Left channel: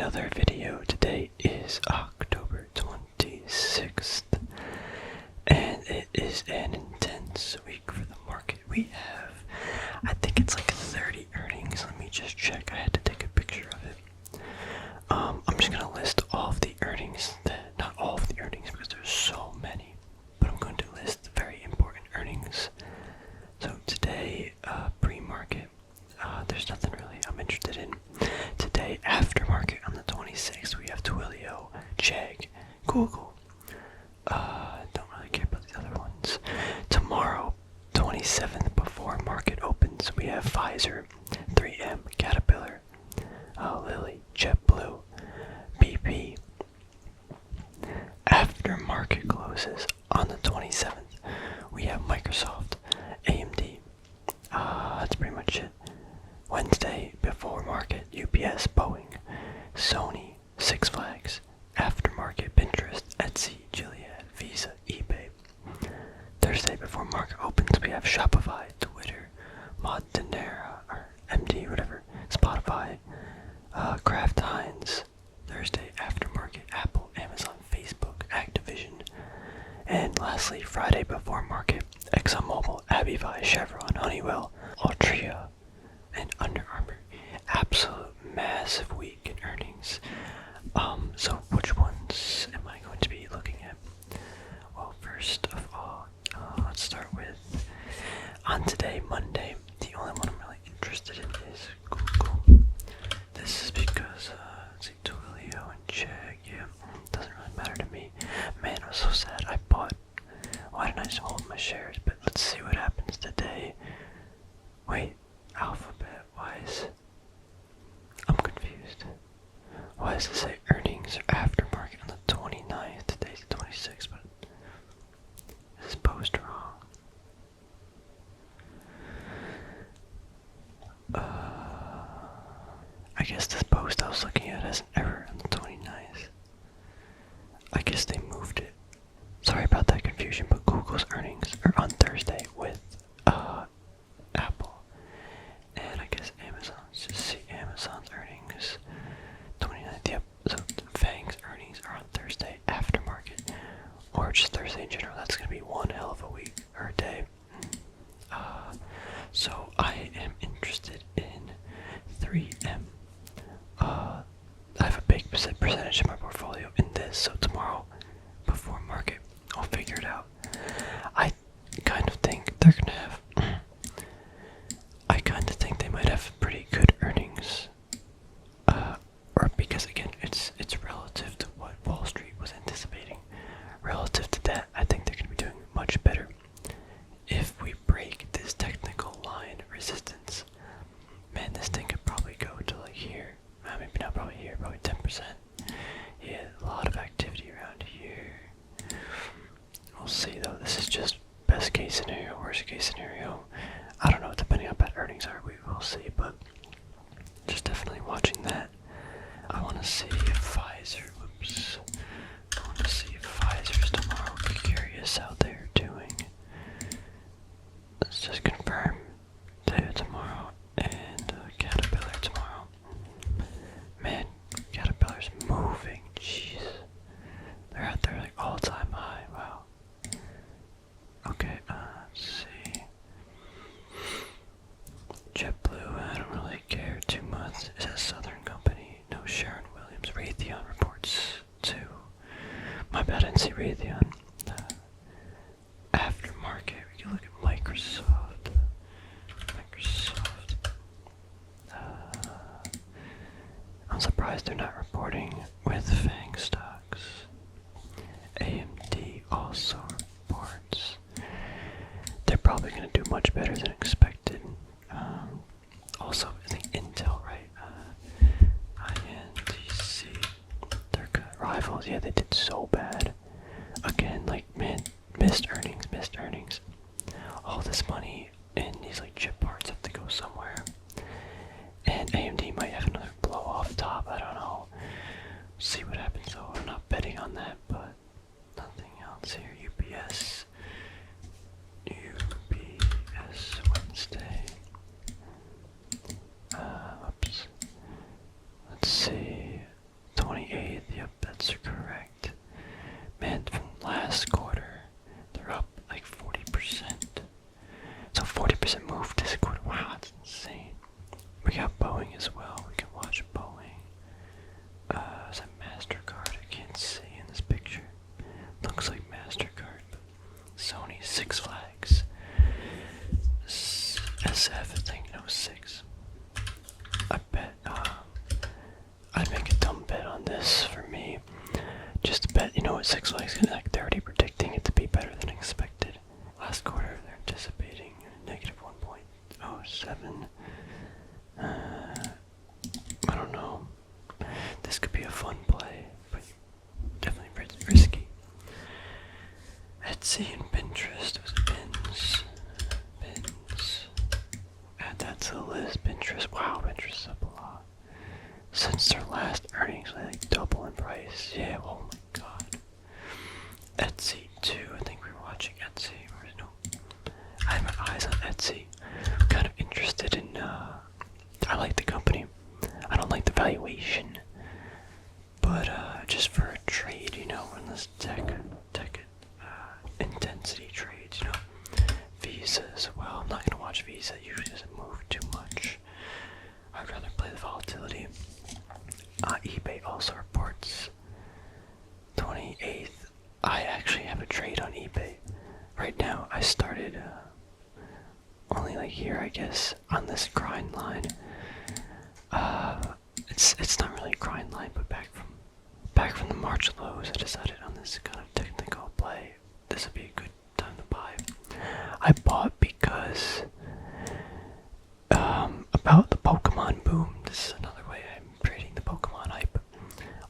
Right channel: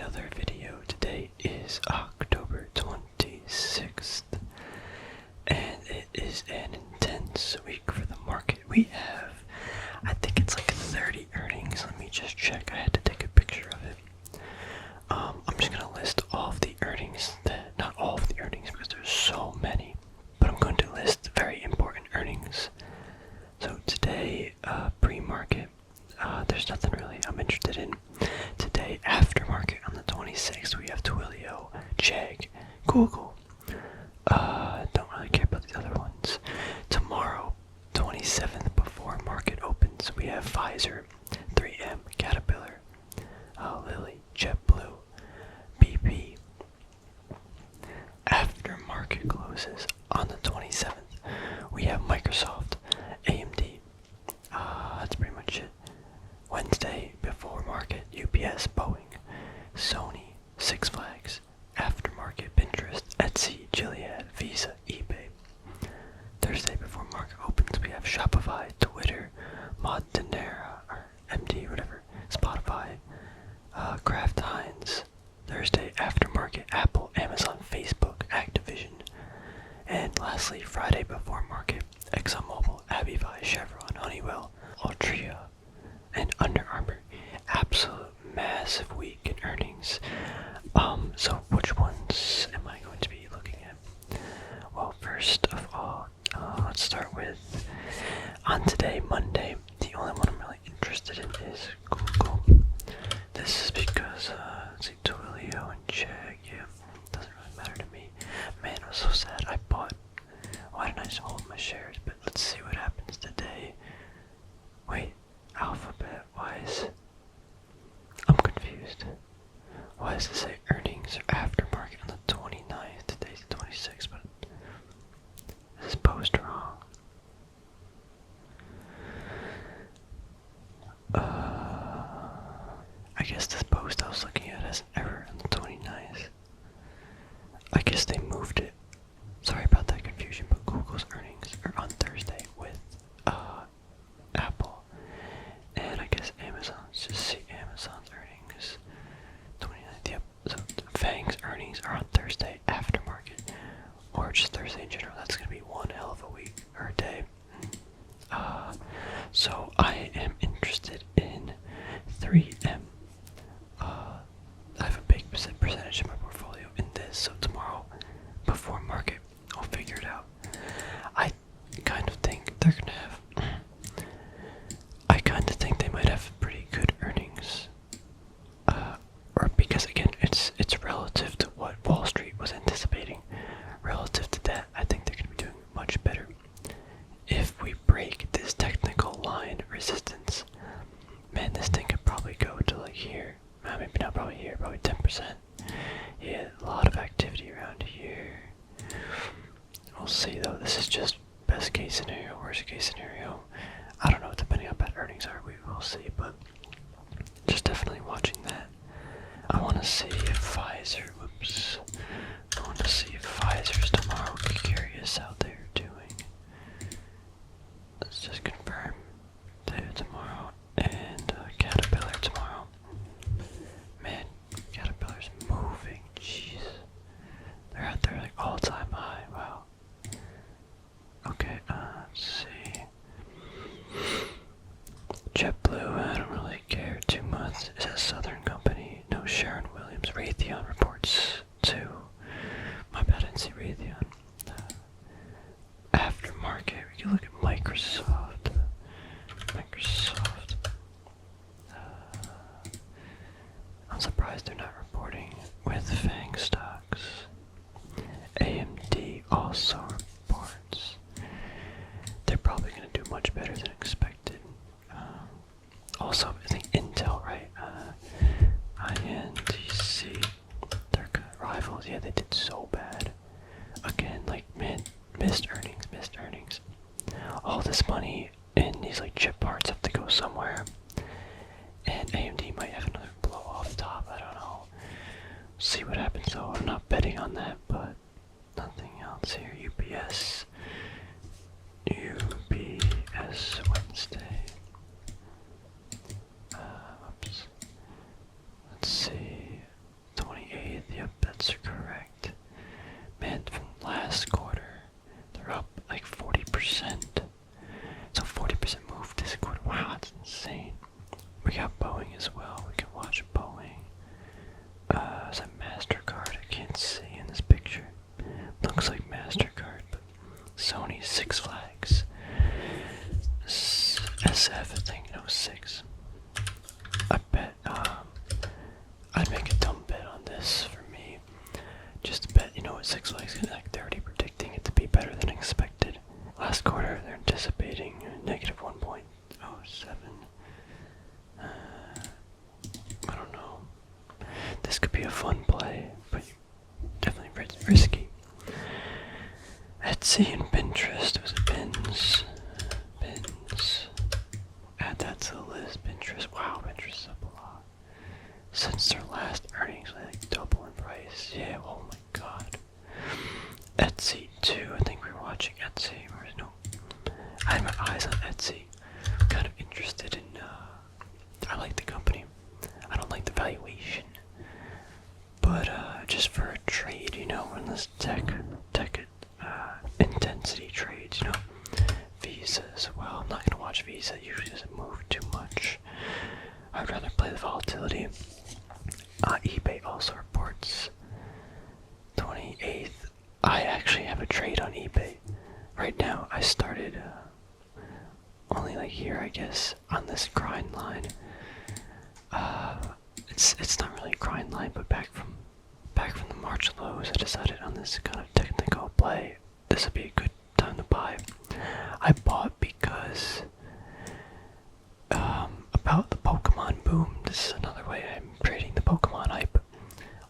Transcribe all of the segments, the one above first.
another video. Today is October 26th, and it is an intense week for the market. We have, I think it's like 30 earnings. Let me just check. I had to take a picture of it. I'm just going to list all of the earnings, not all of the earnings because there's so many, but I'm going to list very important earnings. So today, pre-market, there's nothing really I'm interested in. Today, aftermarket on the 26th, we have Twilio, Chegg, Google. Don't really care about the other ones. Tomorrow, 27th, before market opens, we have Pfizer, 3M, Caterpillar, Lilly, JetBlue, BP. After market closes on the 27th, we have Microsoft, AMD. That's pretty much it. Wednesday, before market, UPS, Boeing, Sony, Six Flags, aftermarket, Pinterest, Etsy, Gilead, Visa, eBay. Thursday, before market opens, we have Shopify, Twitter, Montanera, or MD, whatever, Spotify, Kraft Heinz. Thursday, aftermarket, Apple, Amazon, Facebook, Activision. And lastly, Friday, before market, ExxonMobil, Abivai, Chevron, Honeywell, Altria, and Under Armour. Absolute massive week in earnings. So which ones am I going to be looking at? Well, first of all, let's start with, on today, Monday, the only one I'm really interested in is Google. This is because, let's see, Twilio and Chegg, yeah, doesn't really matter to me. Man, it was so sad. Why didn't I just hold my shares? But let's see what happens today. Wait, Alphabet, I'm confused. Why does it say earnings or aftermarket on the 29th? Today's the 26th, but this is post wrong. I guess this post I was looking at has an error on the 29th. I guess they moved it. Sorry about that confusion, but Google's earnings are on Thursday with Apple. And I guess Amazon's, just see Amazon's earnings. 29th, yep. So FANG's earnings are on Thursday aftermarket. Or just Thursday in general. That's going to be one hell of a week, or a day. So I am interested in 3M. I have a big percentage of my portfolio in this, so tomorrow, before market, I'll figure it out. I kind of think they're gonna have, I kind of think they might have pretty good earnings, or because again, it's relative to what Wall Street was anticipating. Relative to that, I think they're gonna be doing much better. If we break this technical line resistance, man, this thing could probably go to like here. Maybe not probably here, probably 10%. Yeah, a lot of activity around here. We'll see though, this is just best case scenario, worst case scenario. I don't know, depending on how bad earnings are, we will see, but just definitely watching that. I want to see if Pfizer, I want to see if Pfizer's tomorrow. Curious how they're doing. Let's just confirm tomorrow and Caterpillar tomorrow. Man, Caterpillar's moving. Jeez, they're at their like all-time high. Wow. Okay, let's see. JetBlue, I don't really care too much. Is that Southern Company? No, Sharon Williams. Raytheon reports too. My bad, I didn't see Raytheon. Aftermarket, we can look at Microsoft. I'm surprised they're not reporting with FANG stocks. AMD also reports. They're probably going to do much better than expected. Also, I think Intel, right? INTC. Their rivals, yeah, they did so bad. Again, like, man, missed earnings. All this money in these like chip parts have to go somewhere. And AMD might have another blow off top, I don't know. See what happens though. I'm not betting on that, but nothing else here. UPS Wednesday. Let's see. I'd make a dumb bet on this for me. Just to bet, Six Flags is like 30, predicting it to be better than expected. Last quarter, they're anticipating negative 1.07. I don't know. This could be a fun play, but definitely risky. Etsy and Pinterest. Was it Pins? Add that to the list. Pinterest. Wow, Pinterest is up a lot. Since their last earnings, like double in price. Yeah, oh my god. Etsy too. I think we were watching Etsy. I had my eyes on Etsy. I'm kind of interested in, I like the company. I don't like the valuation. But, just for a trade, in this tech intensity trades, Visa as well. I'm not gonna watch Visa. It usually doesn't move too much. I'd rather play the volatility. eBay also reports 28th. I actually have a trade on eBay. Right now, I started, only like here, I guess, on this grind line. It's not really a grind line, but back from the March lows, I decided on this kind of technical play. This would be a good time to buy. I bought because about the Pokemon boom. This is another way I'm trading the Pokemon hype.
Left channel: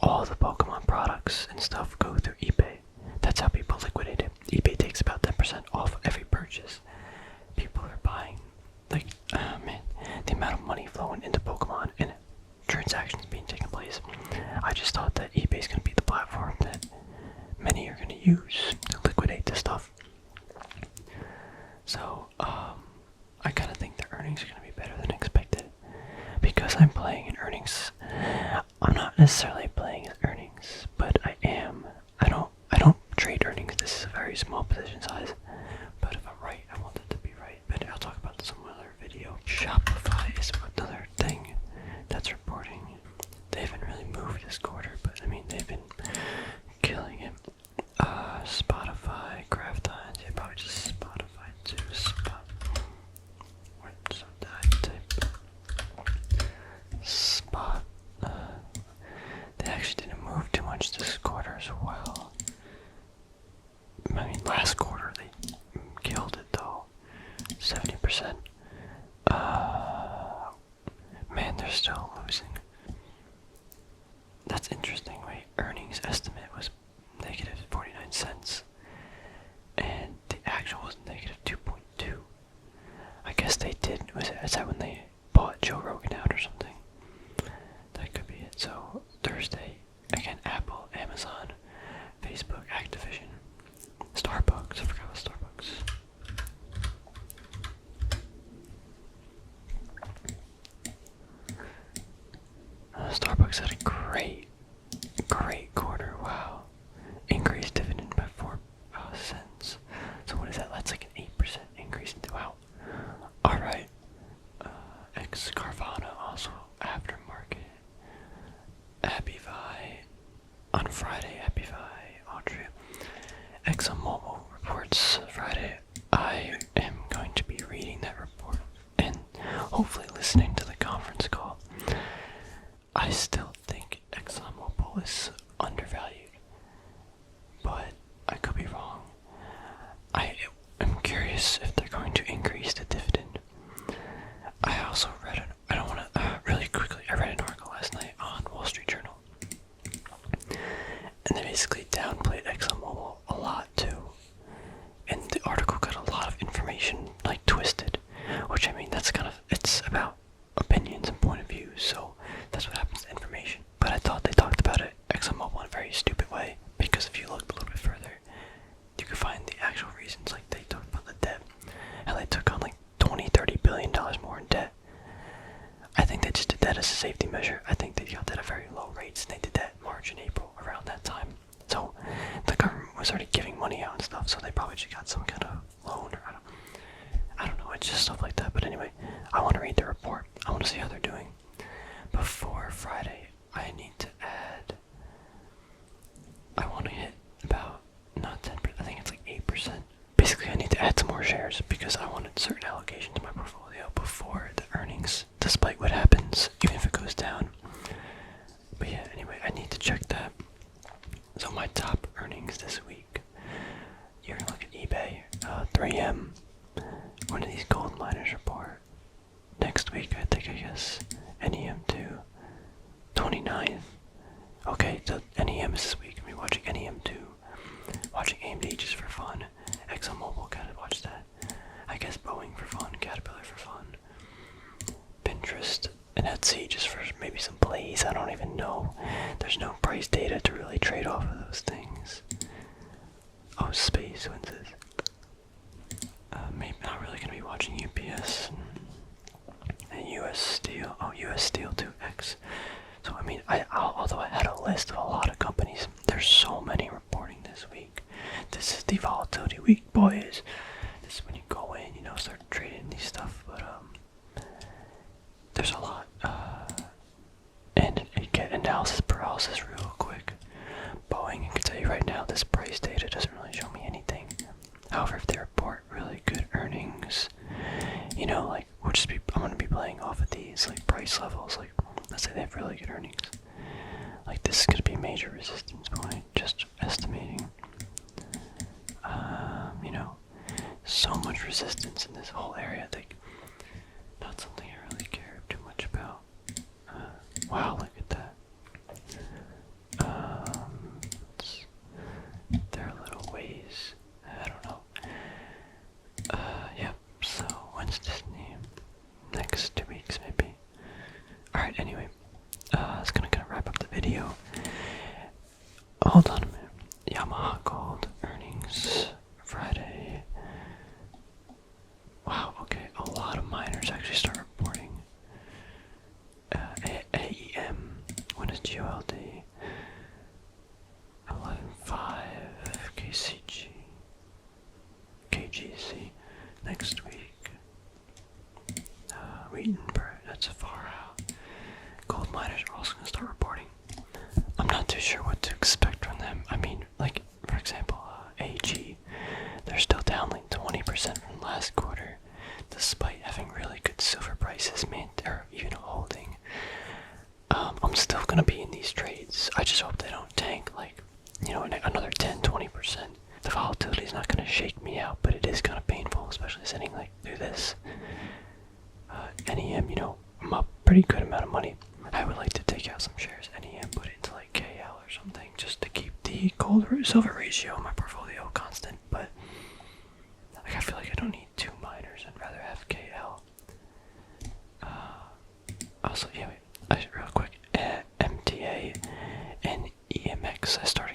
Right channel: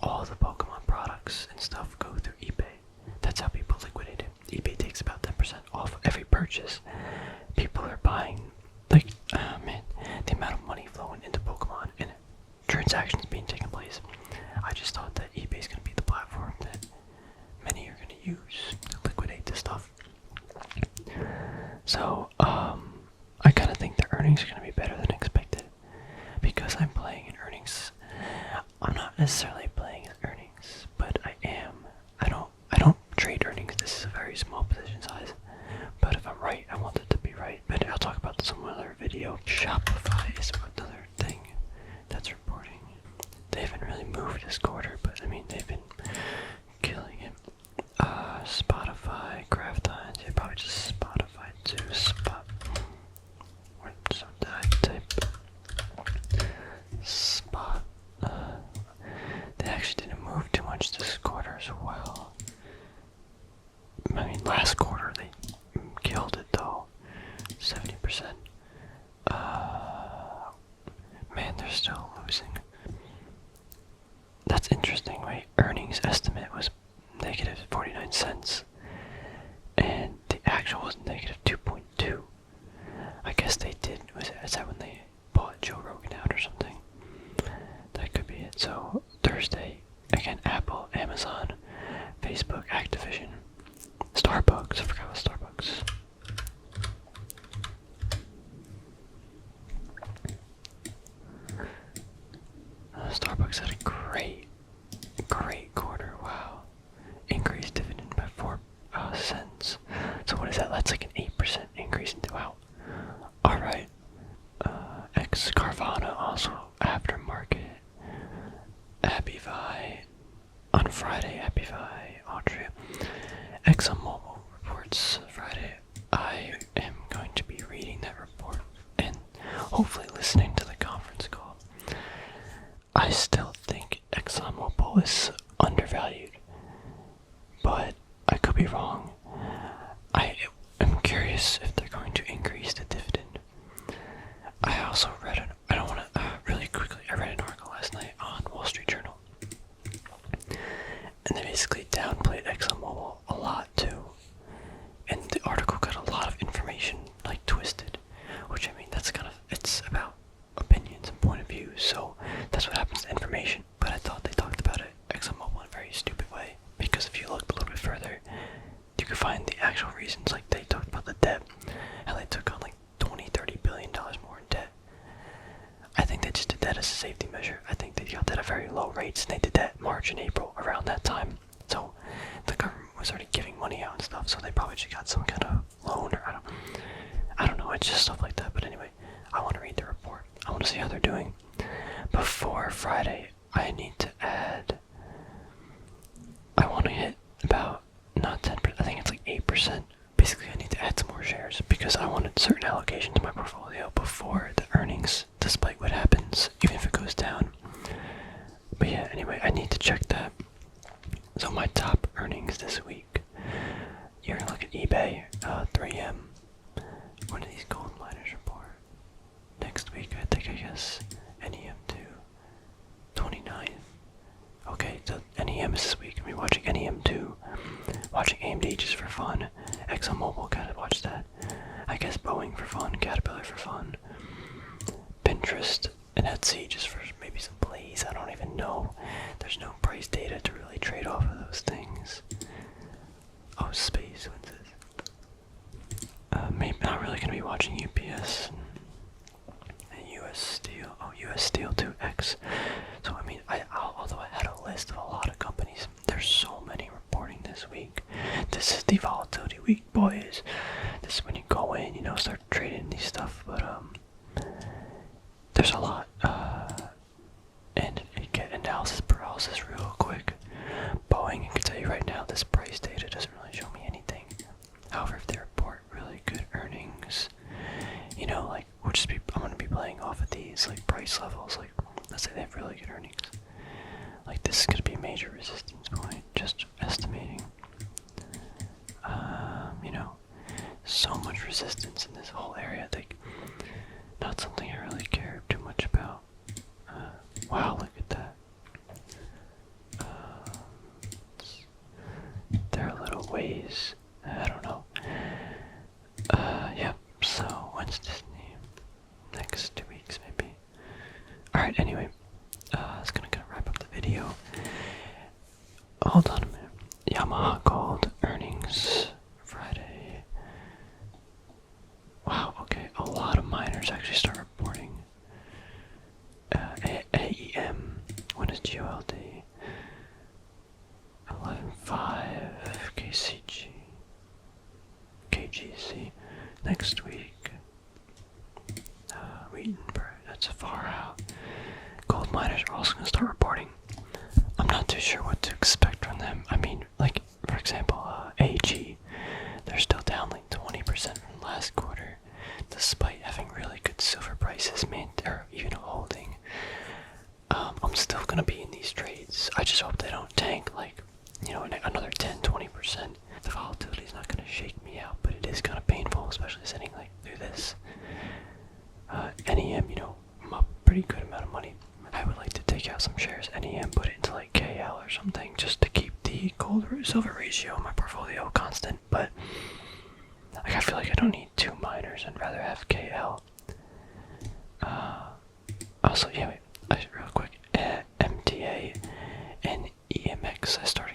All the Pokemon products and stuff go through eBay. That's how people liquidate it. eBay takes about 10% off every purchase. People are buying, like, the amount of money flowing into Pokemon and transactions being taken place. I just thought that eBay is going to be the platform that many are going to use to liquidate this stuff. So, I kind of think the earnings are going to be better than expected because I'm playing in earnings. I'm not necessarily playing in earnings, but I am. I don't trade earnings. This is a very small position size, but if I'm right, I want it to be right. But I'll talk about this in another video. Shopify is another thing that's reporting. They haven't really moved this quarter, but I mean they've been killing it. Spotify, Kraft Heinz, yeah, probably just Spotify too. What did I type? Spot. They actually didn't move too much this quarter as well. I mean, last quarter they killed it though. 70%. Man, they're still losing. That's interesting, right? Earnings estimate was negative 49 cents. And the actual was negative 2.2. I guess they did. Is that when they bought Joe Rogan out or something? That could be it. So, Thursday, again, Apple, Amazon, Facebook, Activision, Starbucks. I forgot about Starbucks. Starbucks had a great quarter. Wow. Increased dividend by 4 cents. So what is that? That's like an 8% increase. Wow. Alright. Carvana also aftermarket. Abivai. On Friday, Abivai, Audrey. ExxonMobil reports Friday. I am going to be reading that report and hopefully listening to the conference call. I still think ExxonMobil is undervalued, but I could be wrong. I am curious if they're going to increase the dividend. I also read I read an article last night on Wall Street Journal, and they basically downplayed ExxonMobil a lot too. And the article got a lot of information like twisted, which I mean it's about opinions and point of view, so that's what happens to information. But I thought they talked about it, ExxonMobil, in a very stupid way, because if you looked a little bit further, you could find the actual reasons. Like they talked about the debt, how they took on like $20-30 billion more in debt. I think they just did that as a safety measure. I think they got that at very low rates, and they did that March and April, around that time. So the government was already giving money out and stuff, so they probably just got some kind of loan, or I don't know, it's just stuff like that. But anyway, I want to read the report. I want to see how they're doing. Before Friday, I need to add, I want to hit about, not 10%, I think it's like 8%. Basically, I need to add some more shares because I wanted certain allocation to my portfolio before the earnings, despite what happens, even if it goes down. 29th. Okay, so NEM is this week. We're watching NEM 2. Watching AMD just for fun. ExxonMobil, gotta watch that. I guess Boeing for fun. Caterpillar for fun. Pinterest and Etsy just for maybe some plays. I don't even know. There's no price data to really trade off of those things. Oh, space. What's this? Maybe not really gonna be watching UPS and US Steel. Oh, US Steel 2X. So I mean, although I had a list of a lot of companies, there's so many reporting this week. This is the volatility week, boys. This is when you go in, start trading these stuff. But there's a lot. And you get analysis paralysis real quick. Boeing, I can tell you right now, this price data doesn't really show me anything. However, if they report really good earnings, like I'm gonna be playing off of these like price levels. Like, let's say they have really good earnings. Like, this is gonna be a major resistance point. Just estimating. So much resistance in this whole area. Like, not something I really care too much about. Wow, look at that. There are little ways. I don't know. Yep. So when's Disney? Next 2 weeks, maybe. All right. Anyway, it's gonna wrap up the video. Hold on a minute. Yamaha called earnings Friday. Wow. Okay. A lot of miners actually start reporting. AEM. When is GOLD? 11.5. KCG. KGC. Next week. Wheatonburg. That's far out. Gold miners are also going to start reporting. I'm not too sure what to expect from them. I mean, like, for example, AG. They're still down like 20% from last quarter, despite having really good silver prices, or even holding. I'm still gonna be in these trades. I just hope they don't tank like, another 10-20%. The volatility is not gonna shake me out, but it is kind of painful, especially sitting like through this. NEM, I'm up pretty good amount of money. I would like to take out some shares, NEM, put it into like KL or something, just to keep the gold silver ratio in my portfolio constant. But like, I feel like I don't need 2 miners. I'd rather have KL. Also, yeah, wait, real quick, MTA and EMX. I started